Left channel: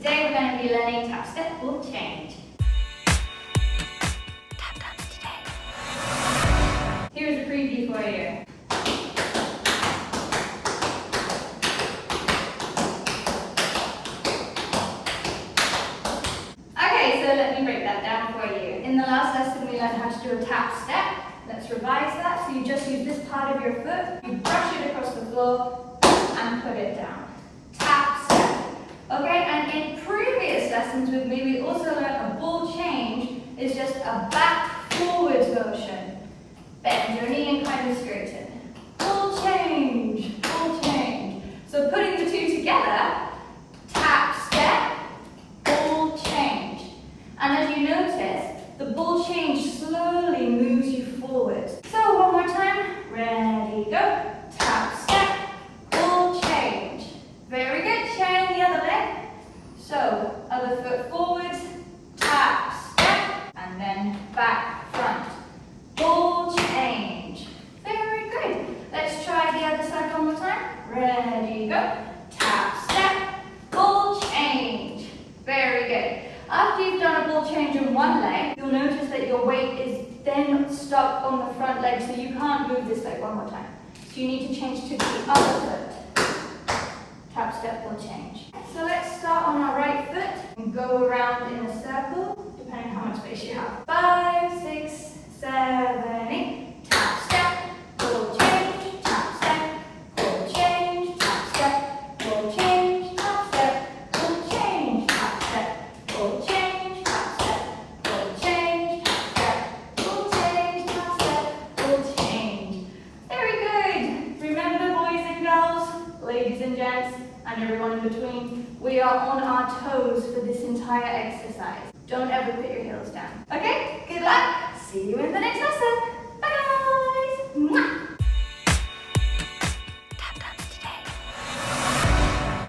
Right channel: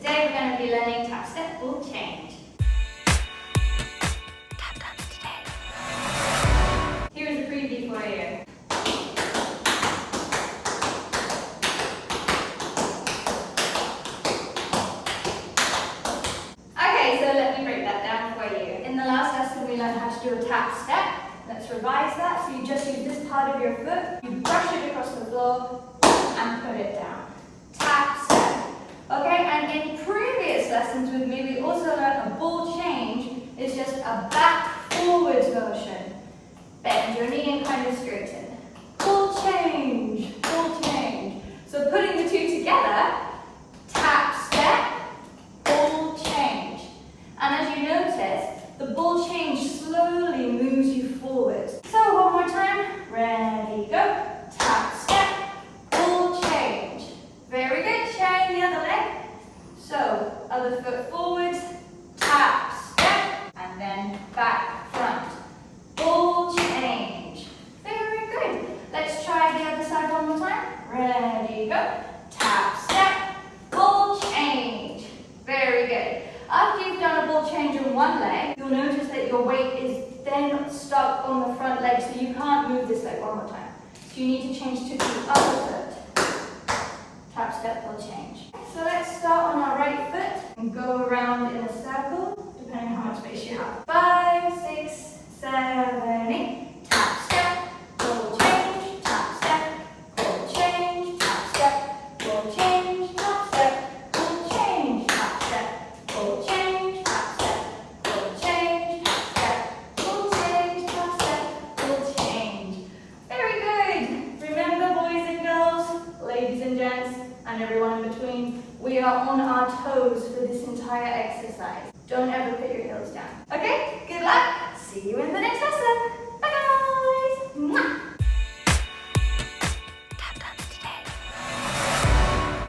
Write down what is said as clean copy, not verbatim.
today we're going to be learning tap, step, ball change. Tap dance today. Here is a preview for you. Okay, so let me break that down for you. In the last lesson we learned how to do a tap step. Let's revise that. So you just use this part of your foot, you brush it across the floor and put it down. Tap step. Okay, and in previous lessons with me, we also learned a ball change is just a back forwards motion. Bend your knee and kind of straighten. Ball change, ball change. So putting the two together, tap step, ball change. And as you notice, the ball change slowly moves you forward. So one more time, ready, go. Tap step, ball change. Very good, sharing the other leg. So, other foot forward, tap, step, and then back, front. Ball change. Very good. Let's try the other side one more time. Ready, go. Tap, step, ball change. Very good. After you've done a ball change in one leg, you'll notice that your weight is then stuck on the front leg, so you can't move this leg one more time. So you need to change to the other foot. Tap, step, ball change. So let's start on our right foot and go around in a circle, depending on how much space you have. 5, 6, 7, 8. Tap, step, ball change. Tap, step, ball change. Tap, step, ball change. Tap, step, ball change. Tap, step, ball change. Tap, step, ball change. Tap, step, ball change. Tap, step, ball change. Very good. Remember, boys and girls, ladies and gents, and everyone in between, we are on our toes for this entire exercise. Don't ever put your heels down. Okay, good luck.